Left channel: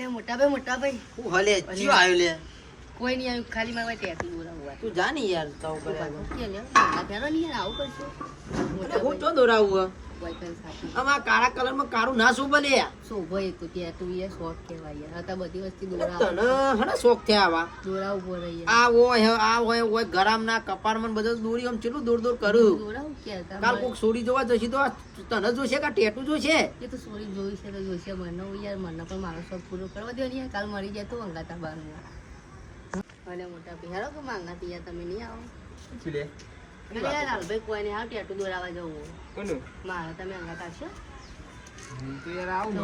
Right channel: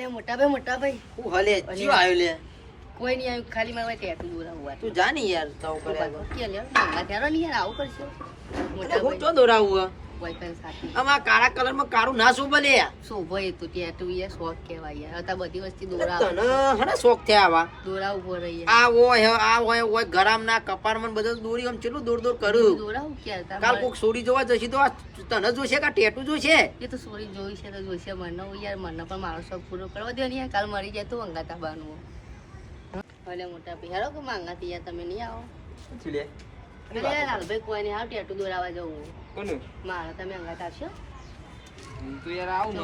અલે મોટા ભાઈ હું હલે જીવ આવ્યો લે કોઈ નહીં આવ્યું ખાલી મારે ટેટુ દોરાવવા તું જા ને યાર તાવ કરે કે લે મંગા ત્યારો નહીં યાર આવું કરશો મોટા હું ભાઈ તો દોરાવું બોયફ્રેન્ડ સાથે આમાં કાળા કલર માં કાળું ના શું બને શોભો એ તો ટેટુ યાર શોખ કહેવાય યાર હતા બધી વસ્તુ તને દોરાવ હને શોખ થયા આવા દોરાવું પડે યાર આ હોય ગરામ ના કપાર માં બધું દોરી આમ ચેટલું દૂર દૂર કરું દોરાવું ક્યાં હતા કાલ કોક સોડી જોવા જશે તો આ તને જોશે કે ટેટુ જોશે એ તો સોરી જોઈ છે તો જોઈશે મને યાર મને પણ મારો શોખ પૂરો કરવા દે ને યાર કાલ મરી જાય તો અંગાતા બાનવો ભલે મોટા ભાઈ હેરો કે માંગાતી યાર તમે નહીં આવો ચલે અરે યાર લાલભાઈ કોઈ નહીં આવ ટેટુ દોરાવા જવું કોનું મારા તમે અંગાતા આવશો તો યાર આવું ન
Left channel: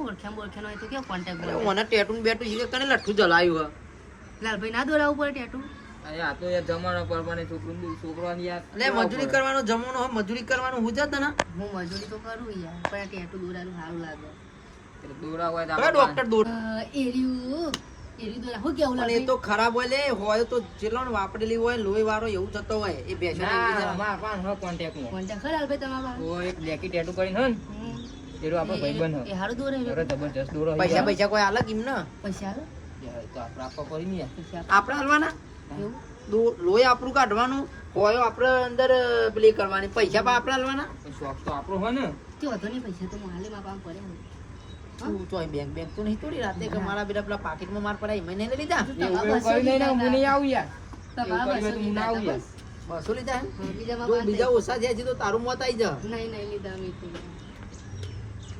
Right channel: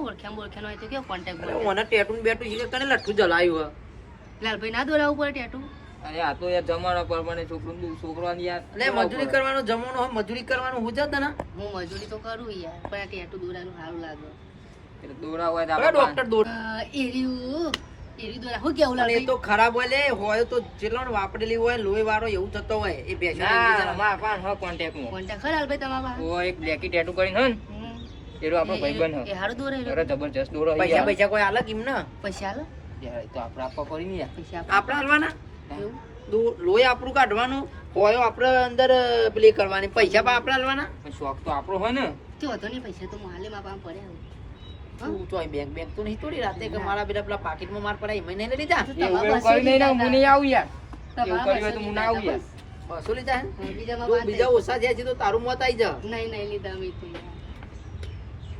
ઓળખે હોય તો કેવો કોન્ટેક્ટ મને ટેટુ બેટુ શીખે કને લઠ્ઠું જલાયું લાલભાઈ ના દોરાવું પડે ટેટુ અરે આ તો યાર જમાનો પરમાને છોકરાની યાર એટલે મજૂરી કરવાનો જમાનો હોય મજૂરી કરવાનું હું જત ને હું મજૂરી તો કરું યાર પણ આ ટેટુ દોરાનું સારું લાગે દોરા હોય તો હવે ડોક્ટર દોર એર્યું દોરા હું કેવું પણ એ લાગે તો ખરાબ હોય તો જેટલો વાપરેલી હોય લોહી વાળો એવું થતો હોય એ ના માર પાન હ કોન્ટેક્ટ માં કોન્ટેક્ટ ખરા લાલભાઈ તમારા ઓ એક બ્લેકી ટેટુ કરીને હન એરો આપણો ભાઈબંધ એ હારું દોરે અરે જબરજસ્ત દોરો હે પૈસા યાર પૈસા કોઈ અલગ એમ ના પૈસા આલો તો આપણે આપવા પડી ને યાર પૈસા આપણે હાલવાના એવું લોહી આપણું કાઢવાનું હોય આપણે અંદર પેલી કરવાની પૈસા પણ આપણે હાલવાના પણ શોખ તો આપણો હોય ને તે વધો નહીં પૈસા તો માલે માં પામ પડ્યા તું તો બેંક તો નહીં તોડી રાતે કે મારા બેટા પેલા પાકીટમાં માર પડાય એમાં નહીં લીધા એવું કરી નહીં ને હું નહીં આવું યાર એવું તમારા કર્યું હોય તો હું ના આવું યાર બસો લીધા હે બીજામાં જો વાત બીજા ઓછા થયા છે તો તારું મોત આવી જા નહીં લીધા મેં તો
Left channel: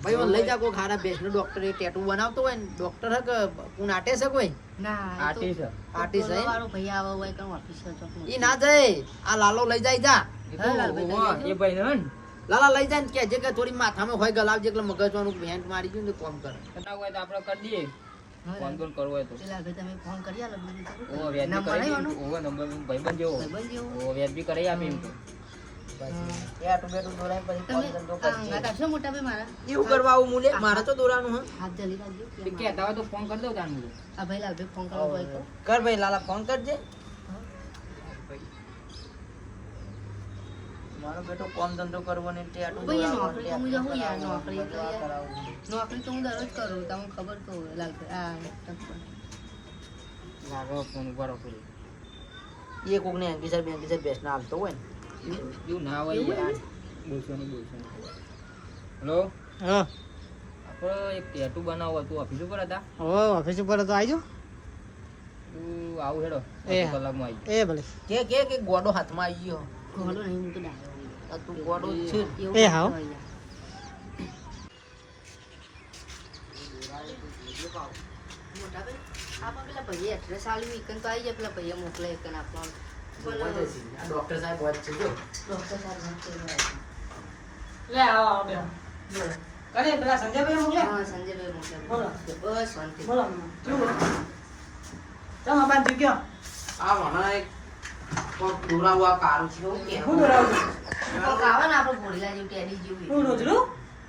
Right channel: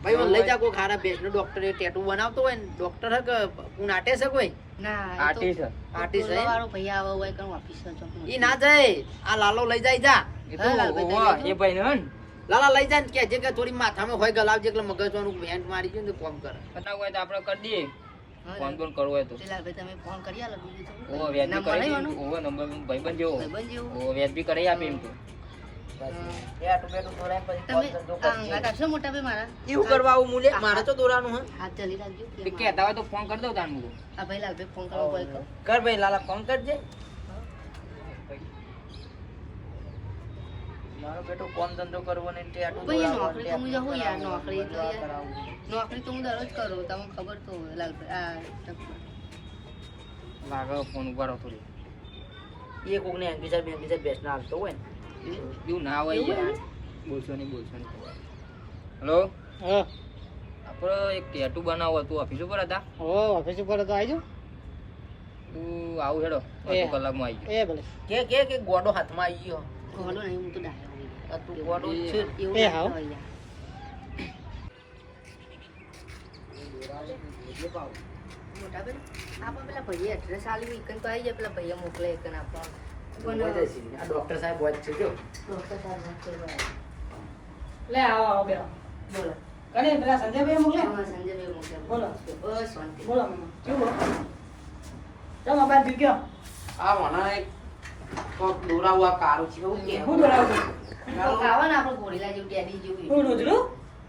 ભાઈ મને લઈ જા કોઈ ખારા ભેંસનો ડોક્ટર ટેટુ બનાવતો હોય ને ડોક્ટર હે કે કોણ આટે છે કોઈ ના આર્ટિસ્ટ આર્ટિસ્ટ હે વાળો ભૈયા આવો હોય કણ ઓફિસર તો ઈ ના જાય આ લાલો લઈ જાય જા એ તો એ ભાઈ ને હન લાલા લઈ જાય ને કે જે કે થોડી માથામાં હોય ગલાવજે એટલે મગજવાનું ભેંટ મારી ગયું ને તો કોમ કરે કટાવ હોય તો આપણે કરી દઈએ ફોન ફોન કરવો હોય તો પેલા ભાઈ તમે ફોન કરી આલો બીજું તો ઓ વ્યાજ નંબર કરી આવ્યો ઓ નંબર ભાઈબંધ જેવો ભાઈબંધ જેવો ઓ વ્યાજ બી કરી આપે એમ તો ટેટુ બેટુ દોરાય પછી તમે કોલ ધંધો કરજે. અંગાત આવશો મોટા ભાઈ મારા એવું કરવા આવું મૂલે મારે તો દોરાનું હે હાથ જલી રાખજો એ કહેતા હોય તો ફોન કરી દઉં તાન આ ભાઈ લાલભાઈ ફોન કરો બોલ કરો કર ભાઈ લાલા ફોન કરજે મારો બેટો કોમ ધંધો કરવો ને ટેટુ ભાઈ દોરાવવાનો, નોકરી તો હું જાઉં યાર નોકરી તો યાર કરાવવું. નોકરી તો હું દરરોજ કરું તમને ખબર તો હોય લાલભાઈ લાગે ફોન ઉપાડો થોડી એ કોક ને અંકિસર બેસના હાલતો હોય ને એવું ના હોય યાર બોલશો નહીં હેલો હા આપણે એક ટેટુ બનાવવો હતું ઓફિસ ઉપર હતા ઓફિસ ઉપર તો આવજો તું આવું હેડો એ. અડધો કલાકમાં આવી એ ભલે કે ગોડો હાથમાં આવી ગયો ખોલો નહીં હું તો ડાયો આ તું ગોડો જ છે એવું એ હાવ. હોય યાર. મોટા ભાઈ આપા પેલા ભાઈએ એડ્રેસ આલ્યું એકન તો આવી જાય પેલા ભાઈએ મોકલે એકન આપવા પણ આ ડોક્ટર સાહેબ વાત છે જો ડોક્ટર સાહેબ નહોતો બરાબર. લે આવો બે બોલો કને પેલા સંજયભાઈ મોકલે હા સંજયભાઈ મોકલે બોલો. બસ શાંતિ બોલો શું બોલો તમે બાદ જીક્યો આ વણા એક કોક દોરાવા કારું છે એવું કે હું દોરાવું તો ખાવા ને આપણે ઘોડીલા જેવું ટેડી જેવું હું રોજનું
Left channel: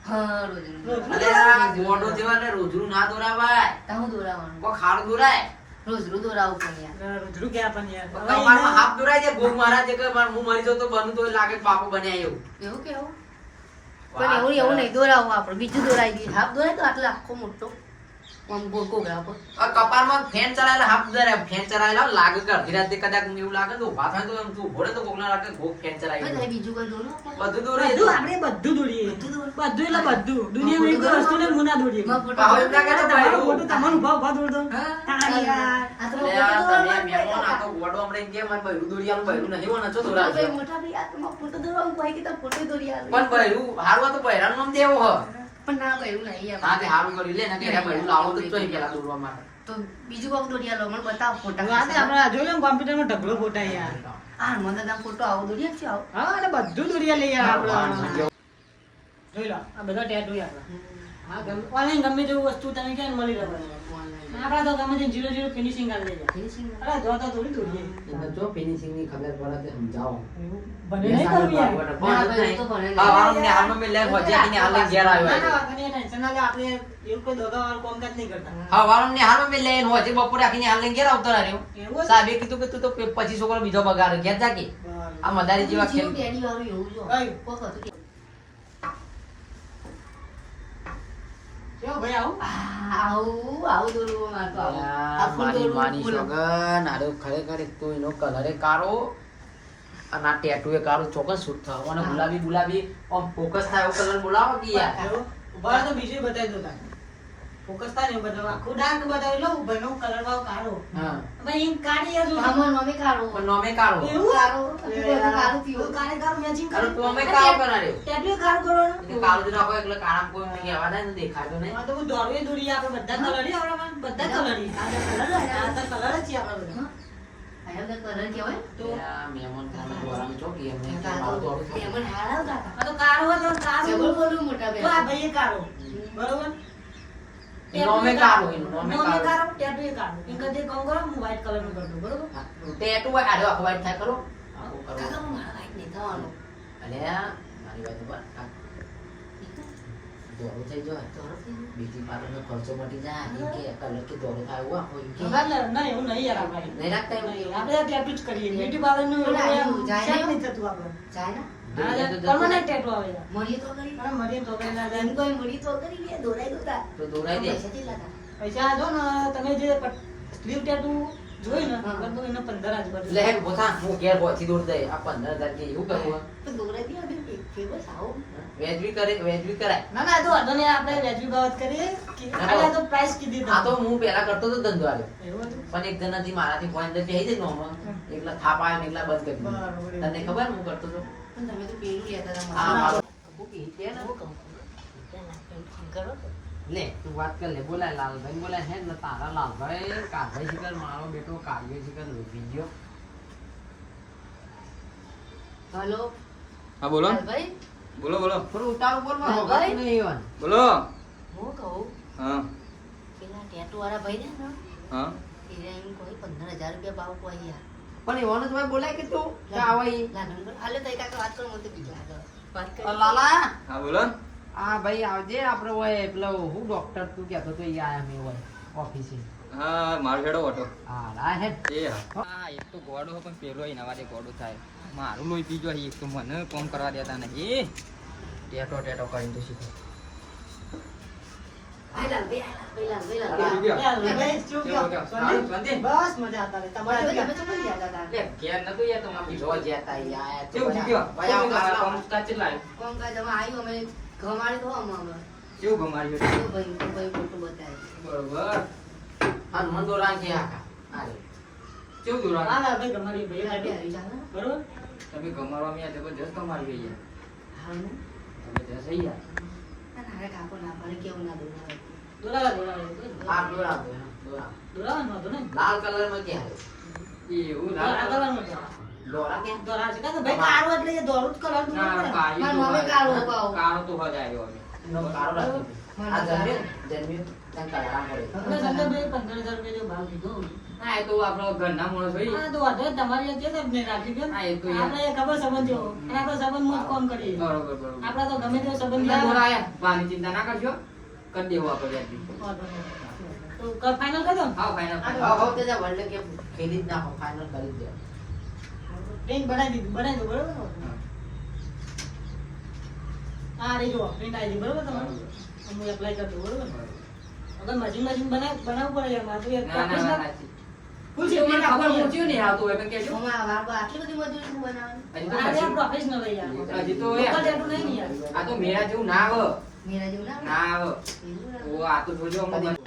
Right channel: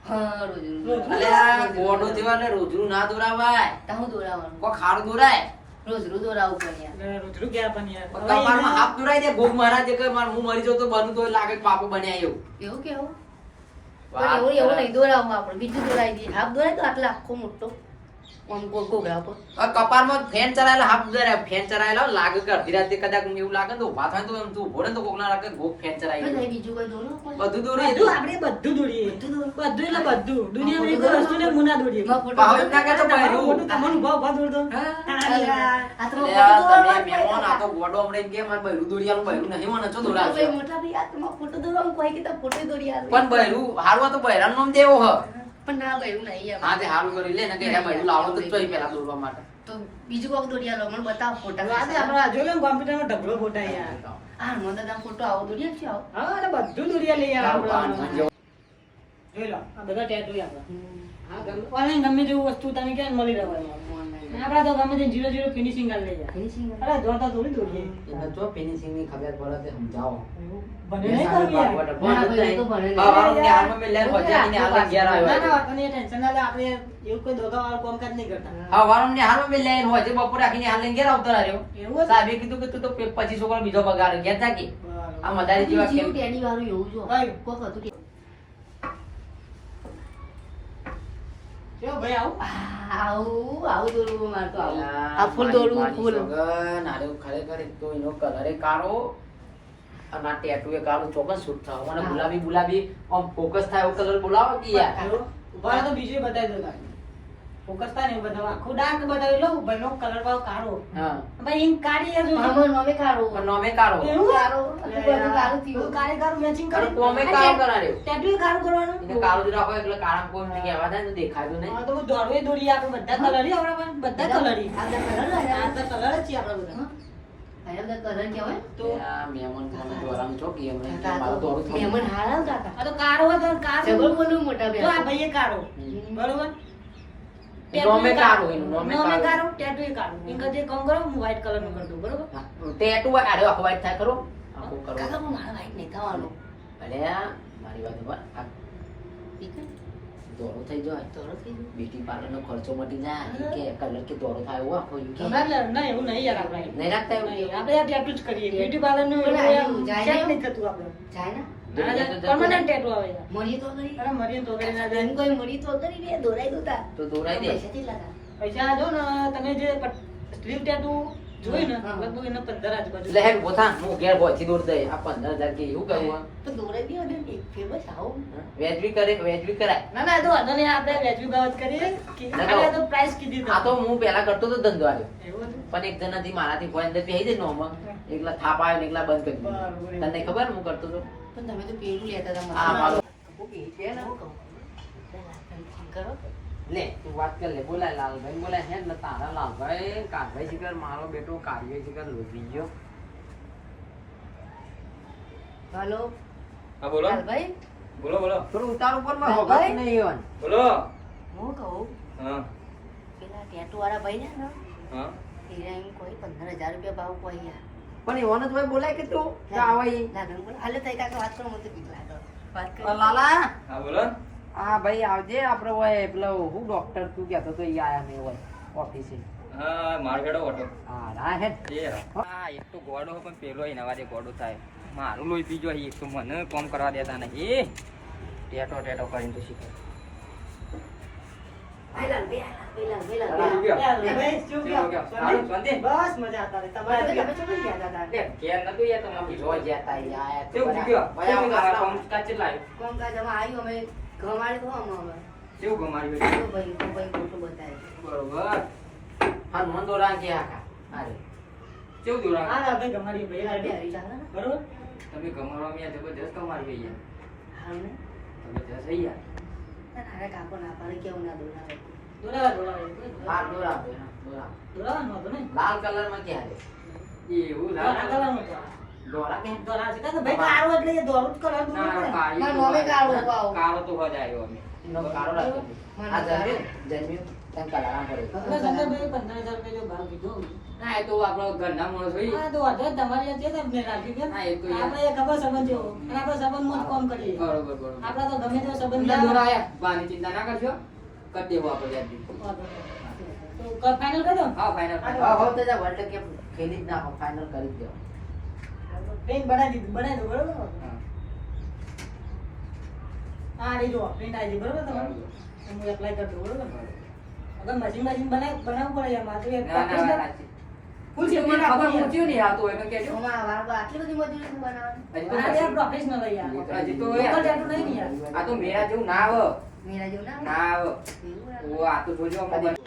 હા રોજ અલે આ ગોડો જેવા ને રોજરું ના દોરાવાય તાહું દોરાવાનું કોક ખારું દોરાય રોજ દોરાવું પણ યાર રોજનું ક્યાં પણ યાર કપાળમાં હાથ દોરાય છે ગોગ મહારાજ કે હું મરી જાઉં તો બનું તો લાગે કે બાપુ બન્યા એવું એવું કેવું પણ એવું નહીં દોરાવું આપણે બીજું દોરાઈ દઈએ હાફ દોરાય તો આટલા આખો મોટો આમ ગોળ ગોગળા ઉપર આ કપાળમાં ફેન ચરાયેલા હાથ દોરાય ફેન ચરાયેલા લાગે કે અડધી રાતે કદાચ એવું લાગે તો ઉભા થાય તો એમ તું ઘોડે તો કોક ના લાગે ગોગ ફેન તો ચરાયેલું થાય બીજું કોઈ દોરો બધું દોરે બધું આપણે બધું દોડીએ બધું એટલે બધું દુનિયામાં એક વસ્તુ ને મુના દોડીએ માં ફોટો પાવર ના કાઢો ભાઈ મોટું તમારું ઉભા ઉભા દોડતો આ તો અલે આ ફોટો તમે દોરવાનું મહેમાન આ તો ગોડો હમણાં કે મારે બૈરું દોડિયાનું બૈરું નહીં મને છો દોરાવશે. ભાઈ મોટા ભાઈ આ તો ફોટો દોરવાનું કોઈ કે તો ફોટો દોરી આવે પણ બૈરું હારું તો બૈરાનું નામ દેવો હ પણ ના ભાઈ એવું નહીં હા તે હારું કરી લે ને કે એના બૈરું લાવો તો ચોઈ પેલા દોરવા માટે તો બીજું કોક દોરી આલો મને બતાવો ફોટા આજે આપણે જોઈ લો કોમ્પ્યુટરમાં ઢગલો ફોટા યાર હા મને દાદા ફોટો આવો દોરી આપજો આવો હા એટલે બધું દોડીએ લઈ યાર હા, આપણે જોઈ લો આ બધા ટેટુ આપણે હા ઓનલાઈન ગમે તેવું વસ્તુ તને ક્યાં મળી રહેવાનું આપડા તો ગમે તે 0 ફિનિશિંગ કરી લેજા ફિનિશિંગ અરે દોડતા થોડી દોડીએ એને જો ફિનિશિંગ ની ખબર પડે તે સમજાવો બને નહીં કરવી યાર ના ભાઈ હું તો ભણે નહીં. વાળું ને હાલમાં મેં લે ભજાની હાલે ઘેર આવ્યો ના ના તને ટેન્શન ના લે આપણે એવું કોઈ દોગા વાળું કામકાજ નહીં કરતા હા વાળું ને હાલમાં મેં લે હોજે બપોરે આખીને હાલે ઘેર આવતો રહ્યો એવું સાહેબે કીધું કે તું તો 25 છોકરો બીજો બગાડ ઘેર જાકે આ મદારી જેવા જેવું ખેલ ટેડી વાળું એવું જો ભાઈ. કોક હતું કે કેવો ભાઈ આવું આવું દોરવું મારતો આવું. આ ફૂલ મારી દોરવું, માની ફૂલ. સોગન, હારું ખરેખર એક તો એનો કલર કાળો અને આ ટેટુ એ કાળો ચોક્કસ સૂટ થાય અને ગુલાબી ગુલાબી આમ ફોકસ થાય એવો કલર બોલાવો કે યાર. એવું? ઉભા રહો તો બીજું બતાવી દો તારે. ફોકસ થાય ને એવું બતાવો. આખું ડાર્ક બતાવી લઉં, ભાઈનો કલર ભાવ કાળો. હા ભાઈ ઈંક કાળી હજુ. આમાં નોમે કાઢવું. પણ નોમે કાળો એવું? કાળું, આટલું બધું કાળું થયું. કાળી કાળું matching અને કરી. ટોમે કાળો કરાડ્યો ટેટુ એ કાળું કરવાનું. એટલે કાળો જ રાખો એટલે કાળામાં કોઈ નહીં આવવા થાય ને દેખાતું નહીં. હા તો હું દોરવે દોરીએ આપણે બધા કલર આપણા પાસે બધા કલર આ તો colour હોય ને? આ તો કલર જ છે આપણા બધા. આ બધા colour કહેવાય. તો આ મહેમાન ખાને દ્વારામાં ચોકી એમને કે મારું દોડું થાય. મહેમાન હારા આવતા હતા. આ તો કાળો હતો ને કાળો. જબર બોલું મોટા તો આ બેન. ભાઈએ કાળો. બરોબર? નોમે કાળો એનું, નોમે નોમે કાળો. કાળો, ટેટુ એ કાળો. ઈ કદી કામ કરો હું white color નું કરી દઉં, બરોબર? હા, ટેટુ હોય આડો આખો white થાય ખરો? આખો કરો. કાકા પણ મારા white નહીં થવાનું. અલ્યા, મારી વાત ઉપર આ દોરો થઈ જાય તો નથી. બ્યુટી પાર્લર નો ખર્ચો મટી જાય ઈ કે કલર કે દોરો થાય એવો આપો ઈ કે ના, એવું નહીં યાર આપણે. નહીં રાખતા એવું? આપણે આ tattoo જ કરીએ. Beauty parlor નું પણ એવું આયુ જાય set ને? નહીં થતું આપણે. જાય ને? Permanent tattoo આવે યાર. મળીએ તો કરી. અરે મરીએ તો કરી ના જાય. એમ કોઈ મળી તો કરી લે, દોરાઈ દોતા. તો દોરાઈ દે. પૈસા કેટલા હતા? પૈસા જો ને તમે જે સ્લીવ tattoo જોઈ ને હા. લગભગ એના 15 આજુબાજુ. લે હેડ બોથા હું ઘેર પહોંચી દોર દે આ 15,000 કે એવું કરવું તો દોરાઈ દે ને, ફેમસ આવો. વેજવી કરે વેજવી કરાય ના ના તો વાંધો નહીં, આપણે વ્યાજબી બાબત કરીએ કે ના, આને તો પ્રાઇસ કીધી આ તો હું પેલા કરતો તો ધંધો આલ્યો એવું હતું? પણ એક જણાથી મારાથી કોઈ અંદર બેહી જાય નોમાં એકલા થાપ આવ્યો ને એકલા બંધ કરી દીધું. બરાબર. તને ખબર હું કરતો તો પણ તમે તો પેલું લેતા હતા આ મને. મારો હું કહી છે ને, હું કહું. ફોન કરો. લે તું વાત કર લે બોલાય લાલભાઈ બોલાય હે ને તારા લાલભાઈ કાઢાઈ શિકર મારો બેટો કાઢ્યો શિકર લોભી ગયો. હલો હા બોલો ભાઈ, બોલો બોલો થોડું ઉતાર ઉપર માં લાલભાઈ? હોગત નહીં એવાનું. બોલો હું કહું હા પેલા ટેટુ વાળા ભાઈ છે ને, હા એને એમ કોઈ 15,000 રૂપિયા ભાવ કોઈ યાર. પણ એવાનું તો બોલાય કે તું ક્યાં આવે ઈ? ના ના બોલ. હાલે તઈ કાકા વાત કરો, મને તો બીક લાગે. વાત કરો. લાલા હા બોલો હા ભાઈ આવજે આપણે હોય પેલો હું ડોક્ટર તું કહેતો તો ઈ આયા મેં હોય ઓફિસે. હા મારો હેડો ઓટો હા રા હે એ હા એક તો ગોડો પણ પેલો એના વાદે ગોડો થાય મારું લોહી પીજો એક તો મને કોમ કરવા દેતા નહીં ટેટો ટેટો કરીને તો શીખે પેલા, પેલા, પેલા, લાલા, પેલા. ગયો. યાર, ભાઈ, શું કહો? ગયો. શાંતિ? શાંતિ? બસ મજા હતા રે. તમારે તમે કેવું? તો કઈ ગયા હતા? લે ઘેર નતું યાર તો મારી જો જ્યાતા ઈ આયા કેવું શીખ્યો ભાઈ કેવું આવો કોમ કાચી લાવ્યો કોમ કાજ અમે આવ્યું, અમે ઘમાડી તો અમે. કેવું ગમાડ્યું તો ભાઈ ફોટો બતાવ્યો. બરોબર હા મન તો રાંકે આકા આરે કેવું દોરા ના ના ભાઈ ગમાડી ભાઈ હારી tattoo. હારી ચાલે ને? બરોબર? તમે ગમાડવા મેં જબરદસ્ત ગમાડી યાર હારું ને? જબરદસ્ત થઈ યાર ના, હારે કાકો ના પાડે, કેવું ના દોરાવે. દોરાવા દોરાવા. હા દોરા દોરા દોરાવાનું હતું ને? લાલ કલર માં ક્યાં એવું દોરા કરવાનું હતું. દોરા કે દોરા છે. કાં તો ભાઈ કાળું એટલે એ દોરું જ કરવાનું હતું ને. મારા મમ્મી કાળું ઉપાવ. કાળો તો હદ આવ્યો અમે નો કારો રાખે આ જન્મ્યું જન્મ્યું તને કલારામ પડે આપણે શંકરભાઈએ 15,000 રૂપિયા જેવો ભાવ કીધો. હા એ તો આપણો ઘરના માણસ હોય હા, તો વાંધો નહીં. તમારી આ જે તમને રાખી દે. હા, એ તો યાર. આપણે એ ખબર સંબંધ જેવો. અને આપણે સંબંધમાં જ કામ કરીએ. બરોબર બરોબર આપણે તો ગમે તે સંબંધ એટલે ના દોરાયા વાની ચિંતા ના કરશો કરી દેવો આપણે યાદી વાંધો નહીં. તો ફાઇનલ કરી દો ને? હા ફાઇનલ હા હવે તો જા વર્લ્ડ કપ ખેલી જ નાખો ફાઇનલ કરી જ દેવો પ્રિન્ટ બનાવી દીધું, બનાવી દો, બરોબર ને? હા રહી જુઓ, પ્રિન્ટ આવી ગઈ, બરોબર તમારું? હું એપ્લાય કરી દઉં, બરોબર ને? અગર મશીન બનાવવું પડે યાર, મારે તો એક ના ના ના ફૂલ તમને સેફટી ખબર રાખવાની. પૂછ્યું નહીં આવતું હોય તો કહેજો અમારા વાળા આટલી બધી મજૂરી શું બનાવવાની? હજી તો આ યાર પછી- પ્રોફેશનલ યાર. હજી તો Local યાર. tattoo નહીં ને યાર. આ તો મેરા જેવું ના આવે મેરા જેવું ના ના આવે એવું ના. ઓ આ તો જોજો અમે બન-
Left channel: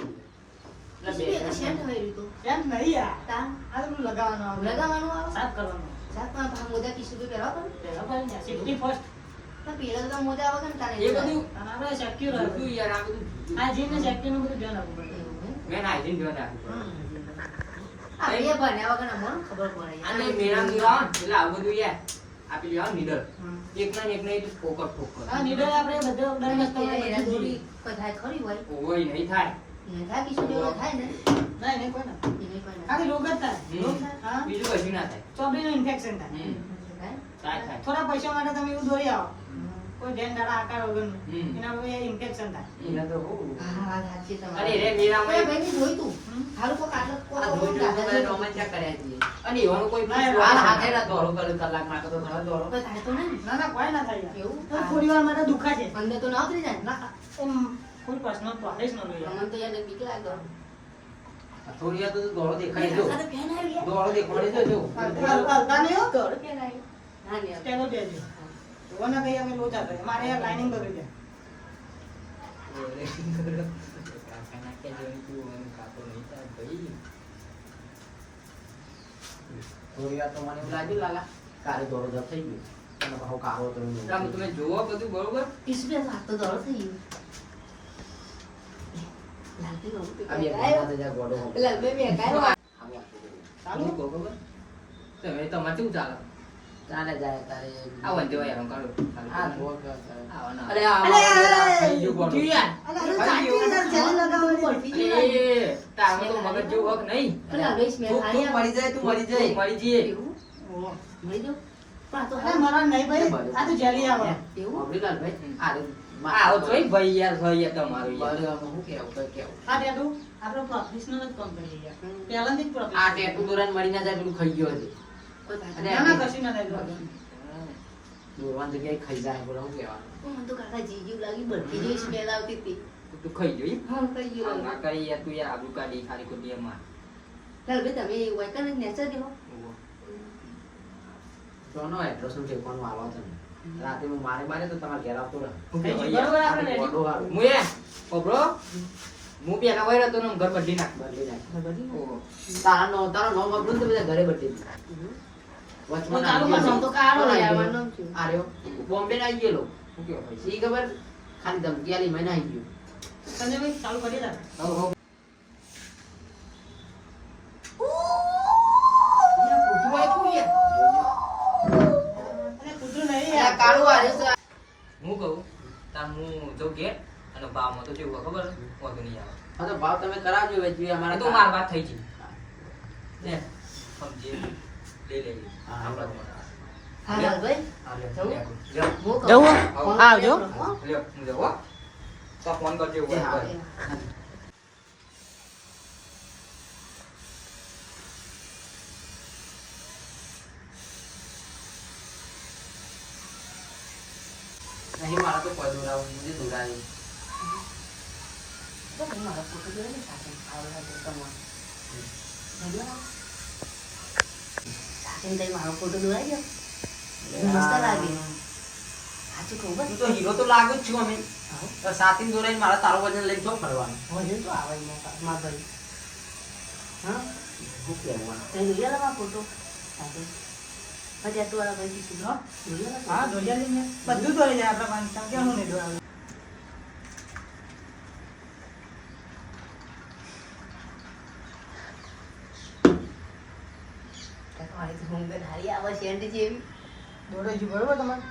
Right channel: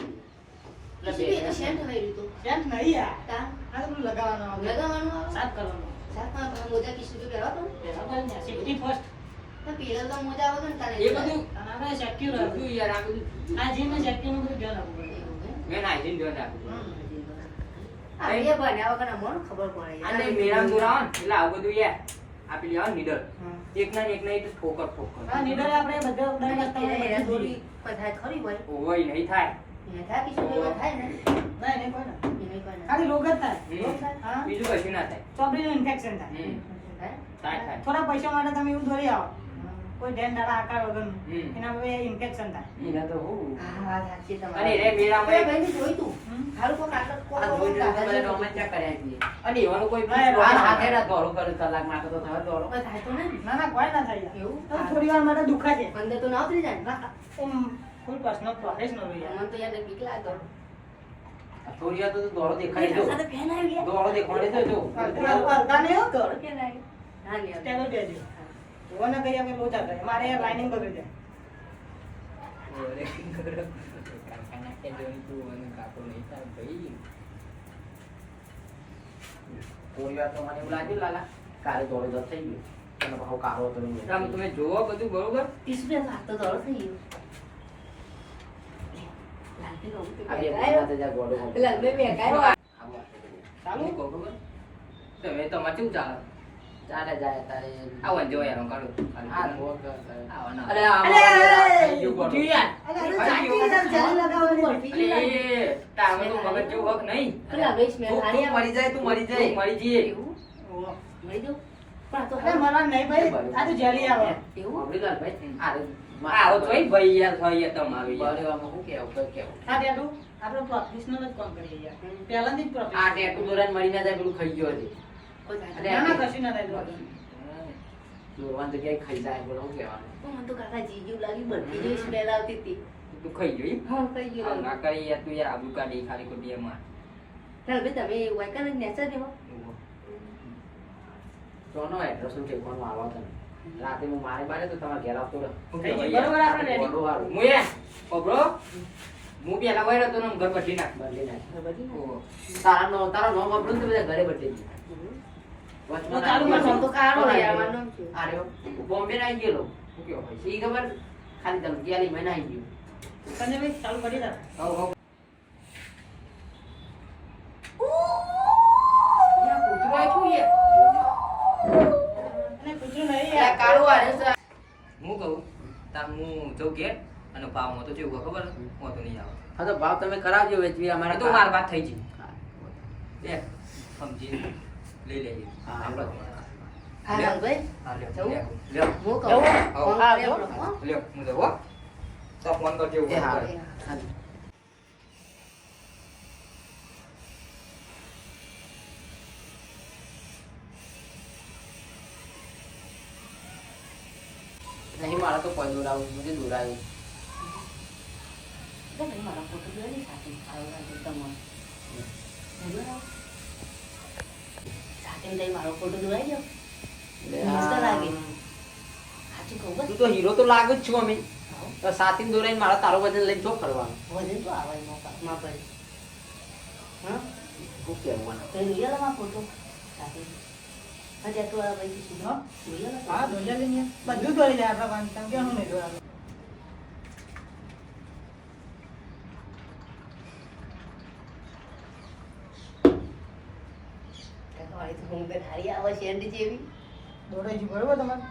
પછી બે સેન્ટ થઈ રહ્યું તો. સેન્ટ નહીં યાર. તા આ તો પેલું લગાવવાનું આવે. લગાવવાનું આવે? સાફ કરવાનું. સાત પાંચ ભાગ મોજા કિસ્સું તો પહેરવા પડે. પહેલા પાડી ના, safety first. પણ પેલા તો મોજા વગર ને તારે એ બધું અને આપણે secure બધું રાખવું. યાર આ બધું આ જીમ ને secure નું બધું ધ્યાન રાખવું પડે. એવું હે? મેં નાઈજીન જોઈને રાખ્યું આ બે ભણ્યા વગર અમને ખબર પડે યાર. અને મેરા દોરાવ એટલે આ બધું યાર આપી લેવા નીડર હા. એક ના એક નહીં તો ઠોકર ઠોકર હા, નીડર આપણે બધા દર એના વસ્તુમાં એના બધું દોરી કોઈ થાય ખરી હોય. ઓય નહીં થાય એને થાય કિસ્સું તો કોઈ થાય ને. ના, એને કોઈ ના. એને કોઈ ના. ખાલી રોગ જ થાય. હમ. રોગ થાય. હા. બીજું કશું ના થાય ચોપડીનું infection થાય. હમ. થાય? થાય થાય થોડા પૈસા માટે તમે એવું દોરી આવો, કોઈ ધ્યાન દાડા આકાર વગરનું. હમ. એના પર ઇન્ફેક્શન થાય. એના તો હું હા, વાત સાચી તમારી. અરે રે મેરામાં ઓય ભાઈને જોઈ તું. હમ. હારું કોક આટલો કોક આ ધોઈ લાગે જોઈને છે. બધા રોમાંચા કર્યા છીએ અને એવાનું કોઈ ના, હાલ ના, હાથે ના દોડો કરી કલાક નાખો તો ઘણા દોડો કોઈ થાય તો નહીં. ના ના કોઈ ના થાય યાર. એવું? તો થોડી વાર માટે દુખાય છે. અંદર તો ના ઉતરી જાય ને? ના, એમ ફૂલ પર્સનલ પ્રોફેશનલ યાર. મને તો યાર બીક લાગે. આ થોડી વાર તો દોડો દેખાડી જો આ તો ફેન આવી ગયા. દોડો દેખાડી જો અડધા નહીં હો તો. દોડો ફેન આવી. હા ને યાર. સ્ટેબલ બેજો. ઓને કઈ અમે લોચા કરે. મારે લાઇનિંગ બગડી જાય. કાકાના કે જોઈ તું અને કાકો નહીં થાય ભાઈ. થોડી વાર તો મને એવું લાગ્યું લાલા કાલે દોડો દોડ થઈ ગયો અને બહુ કાળો કરી આમ તમે જોવો બધું બરોબર. કિસુબે હાથ તો દોડો થઈ ગયો. લાલભાઈ બહુ આ બે પેલા મહિના જા ગોડો લાલભાઈ બે કાયો. ચાલુ કહો ખબર તમે તમારે કેવું ચાલે ચાલે જાય તારે આવો ને જોઈ યાર કાઢો આ ધોક આવો ના અરે આ ખાઈ ગયું ગોળો. યાર અરે ચાટી યાર ચાલી લગાવવાની. અરે તારે તો મગજ જેવું હક નહીં પેલા લાલભાઈ સ્મેલ તું આવી મરી જાય તું મરી જાય મરી જઈએ એવું? મળી જાઓ. પણ આ તો અરે મરવાનું નહીં ભાઈ. આ તો જેલી આવે. એવું? અમરીલાલ ભાઈ આરે આવો તોય ભાઈ યાર ભાઈ તમારું યાર. બરાબર હું કેવું તો કેવું આ ટેટુ આપણે પ્રોફેશનલ જ કામ કરીએ યાર. પહેલાથી જ આ પ્રોફેશનલ. ટેટુ દોરાન મળી ના જાય પેલું ખાઈ ગયો છે કોઈ થાય. અરે ના ના કશું ના થાય. દોરવાની જગ્યાએ ખાઈ જાય બોલો હું કહેવાનું મને તો કાકા જીજુ લાગી બધી જેવી સ્મેલ આવતી હતી. તું ખાઈ ગયો એમ? હા કઈ ગયું આમ ના કરી યાર તું યાર આબુ કાઢી ખાલી ખોટી એમ માર. લાલભાઈ તમે વાયકર નેચર દેવો. ચોનો એડ્રેસ નું ઠેકવાનું આવો તમે રાતે હું મારે બારે તો તમારે ઘેર આવતો રહે શું કે ભાઈ યાર? બરોબર આપણે ready. ગોડો હારું. હું એ ઓબરો હું પેલા વયો હતો ને આમ ઘર બદલી નાખ. બદલી નાખ. ઓહો. તારા નામ આપણું તો બધા ઘરે બદલી દીધું. વચમાં ચાલુ આવી નામ તો કાળો ગયો. યાર, મારું નામ શું? આ રહ્યો. બોમ્બે ના આવી ગયેલો શું કેવો ભાઈ? શી ખબર ખાલી ધમકી આલી મહિના આવી ગયો સંજયભાઈ ચાલુ કરી દે. હવ હવ. યાર, કૂતરું આપ્યું યાર. અને કૂતરું નહીં યાર યાર. કાળું આવ્યું છે. હું કહું તાર હું જઉં ઘેર અને ભાવમાં તો કેવું ખબર વાંધો નહીં આવે. હા તો ભાવ તમે કરાવજો વેચવી આ અમારે તો વાર વાત થઈ ગઈ. લે સમજી લઈ લઈએ. હા. આપણે હા લાલભાઈ હા લ્યો, જવું? લ્યો, લ્યો. હું કહું. જવું? ફોન આવજો. કરો, હો? લ્યો, હું જાઉં, હો. તો ફોન કરજો એવું એ હા. કરજો. નહીં મારા તો કોઈ દોરાવું મને દોરાવી તો ભાઈ મારો ફોટો જોયો ને સાથે આવો લાગે તમારો. નહીં બનાવો? સાથે જઈ મારો ફોટો દોરાઈ ગયો. મસ્ત લાગે. સાચું કહું બસ. તું તો હીરો તો લાગુ જ છું અમે આવો. તો સાથી દોરાઈને મારા તારો વજન લઈને તો ફરવાનું વધે તો આવે માં ભાઈ. હા શું કહેવું આને? તે જોઈ લે મારો ફોટો સાથે. હા ત્યાં તો વાળા ભાઈ કીધું હા? જોઈ લે હા દોરી લઈને બધું દોરી જાય આપણે વાંચતા કેમ હું નહીં દોરાવું. મારી તો ઊંઘ હારી આવે શેરડી જેવી. દોરાઈ ગયું બરોબર તમારે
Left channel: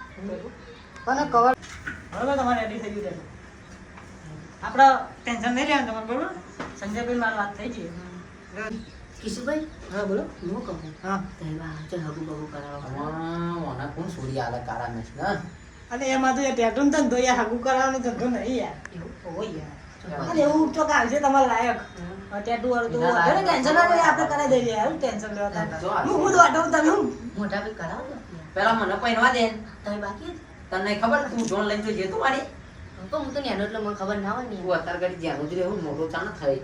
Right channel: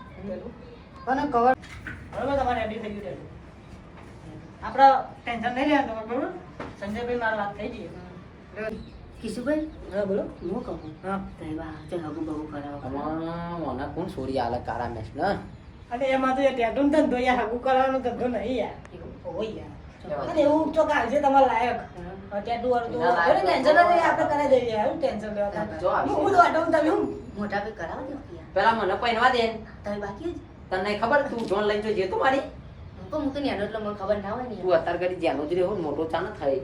અને કવર બરોબર તમારે રેડી થઈ ગયું છે. આપણે ટેન્શન નહીં લેવાનું તમારે બરોબર. સંજયભાઈ મારી વાત થઈ ગઈ. કિશુભાઈ હા બોલો. હું કહું હા તહેવાર ચાલ હગું બહુ કરાવો. આમાં મને કોણ છોડી આલે કાળા મેચ ના અને એમાં તો ટેટુ ને ધંધો યાર હગું કરવાનો ધંધો નહીં યાર. હોય યાર. અને એવું તો કાઢશે તમારે લાયક. ટેટુ વાળું તો ના, ઘરે ટેન્શન ના લઈએ આપણે કરાવી દઈએ યાર. હું ટેન્શન લેવા જો તમે. આ હું તો આટલું તમે હું. મોટા ભાઈ કરાવો ને પેલા મને પહેરવા દે તમે બાકી જ. તને ખબર તું જોન લઈને જજે તો મારી પણ હું તો ન્યાનો એટલે મને ખબર ના હોય ને તું અત્યારે કરી જ્યાં જ રહેવું મોટો ચાલ થઈ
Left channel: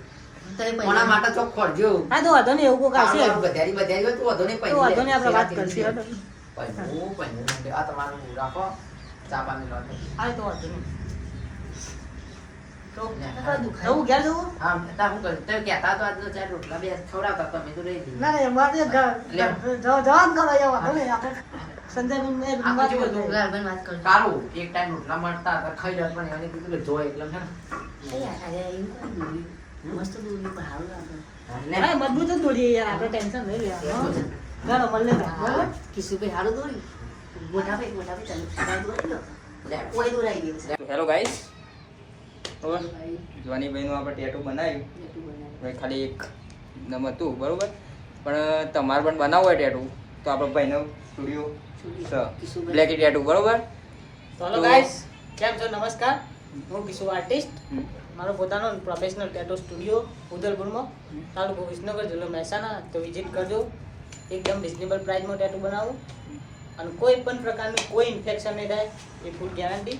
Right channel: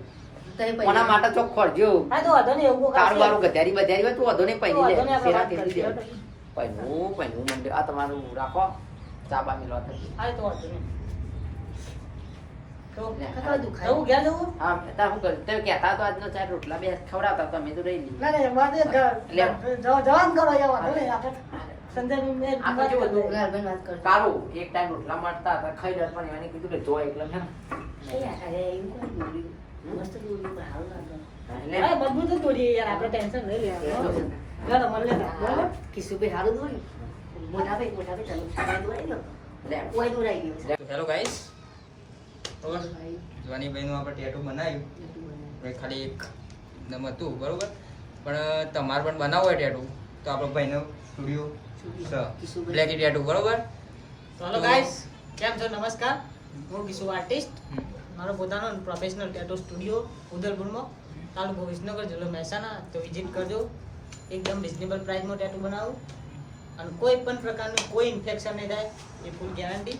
તો એ કોના માટે ચોક ખોરજો હા તો વાંધો નહીં એવું કોઈ તારું કરશે. તારું ગધારી બધારી હોય તું વધુ નહીં તો પૈની વાંધો લે નહીં આપણે વાત સેવા કરીશું. તેની લે. પૈનું આ તમારું રાખો ચા બા મિલો હા તો વાંધો નહીં. તો કઈ દુખાય જવું ઘેર જવું? હા તા હું કરું તે કહેતા તો આજનો ચાર રોટલા બે ખવડાવતા તમે તો રહી લીધું ના ના મારે જવાનું કરો એ વાંધો નહીં આપણે સંજયભાઈ મેં આ વાત તો કરી જો દઈએ. લાલભાઈ વાત કરજો. સારું એક ટાઈમ રોટલા મળતા હતા ખાઈ જત પણ એને કીધું કે જો એટલે છે નહીં આ ખાલી એવું કોઈ દોર્યું. મસ્ત દોર્યું પણ સારું લાગે. ને અરે મજબૂત જ દોરીએ યાર આપણે ટેન્શન નહીં લેવાનું. ચાલો મળીએ તો. બરાબર? કિશુભાઈ સારું દોર્યું. મોટા ભાઈ ચાલુ સારા દોરાઈ ગયો. લે કોઈ દોરાઈ ગયો છે. તો હેલો ગાઈસ ભાઈ જવાની ભાઈનું આપણે ટેટુ બનાવ્યું જેટલું બનાવ્યું. આપણે ખાલી એક નમ હતું બરોબર પણ તમારે પણ બનાવવું હોય ટેટુ તો આપણો ભાઈનો સ્ટુડિયો કિશુભાઈ. બ્લેકી ટેટુ બરોબર તો હેલો ગાઈસ કેમ છો? નમસ્કાર. હું કિશુ આર્ટિસ્ટ. મારો પોતાનો પ્રોફેશનલ ટેટો સ્ટુડિયો ઉદલપુરમાં, તાલુકો વિસનગર, જિલ્લો મહેસાણા. તો વિઝિટ કરજો. એકદમ રિઝનેબલ પ્રાઇસમાં ટેટુ બનાવું અને કોઈ પણ પ્રકારનું કોઈ ઇન્ફેક્શન નહીં થાય એ ફૂલ ગેરંટી.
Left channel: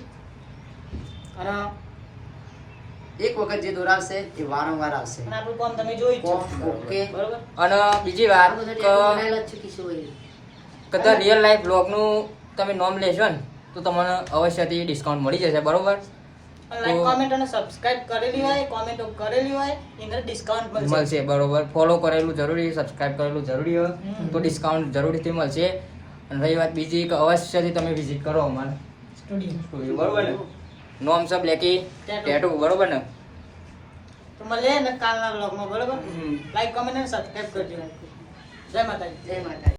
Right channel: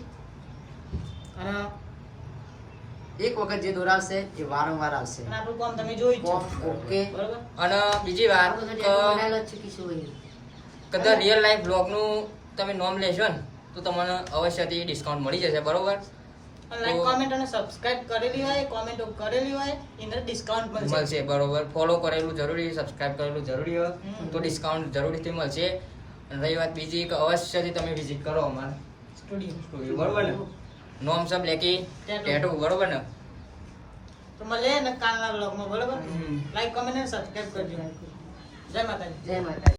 અને એક વખત જે દોરાવશે એ વારંવાર આવશે. અને આપણું કામ તમે જોઈ જ છો. ઓકે. બરોબર. અને બીજી વાત આ બધા કે બનાવેલા જ છે કિશોરભાઈ. કદાચ રિયલ લાઈફ બ્લોગનું તમે નોમ લેશો ને તો તમને અવશ્યથી ડિસ્કાઉન્ટ મળી જશે, બરોબર? લાઈક કોમેન્ટ અને સબસ્ક્રાઇબ કરેલી હોય, કોમેન્ટ કરેલી હોય એને ડિસ્કાઉન્ટ મળશે. મળશે, બરોબર. ફોલો કરેલું જરૂરી, સબસ્ક્રાઇબ કરેલું જરૂરી હોય તો ડિસ્કાઉન્ટ જરૂરથી મળશે. અને રહી વાત બીજી કે અવશ્યથી તમે વિઝિટ કરો અમારા સ્ટુડિયો, બરોબર ને? નોમ સબ લેકી ટેટુ, બરોબર ને? તો મળીએ ને કાલના બ્લોગમાં, બરોબર? લાઈક કોમેન્ટ અને સબસ્ક્રાઇબ કરજો. જય માતાજી. જય માતા.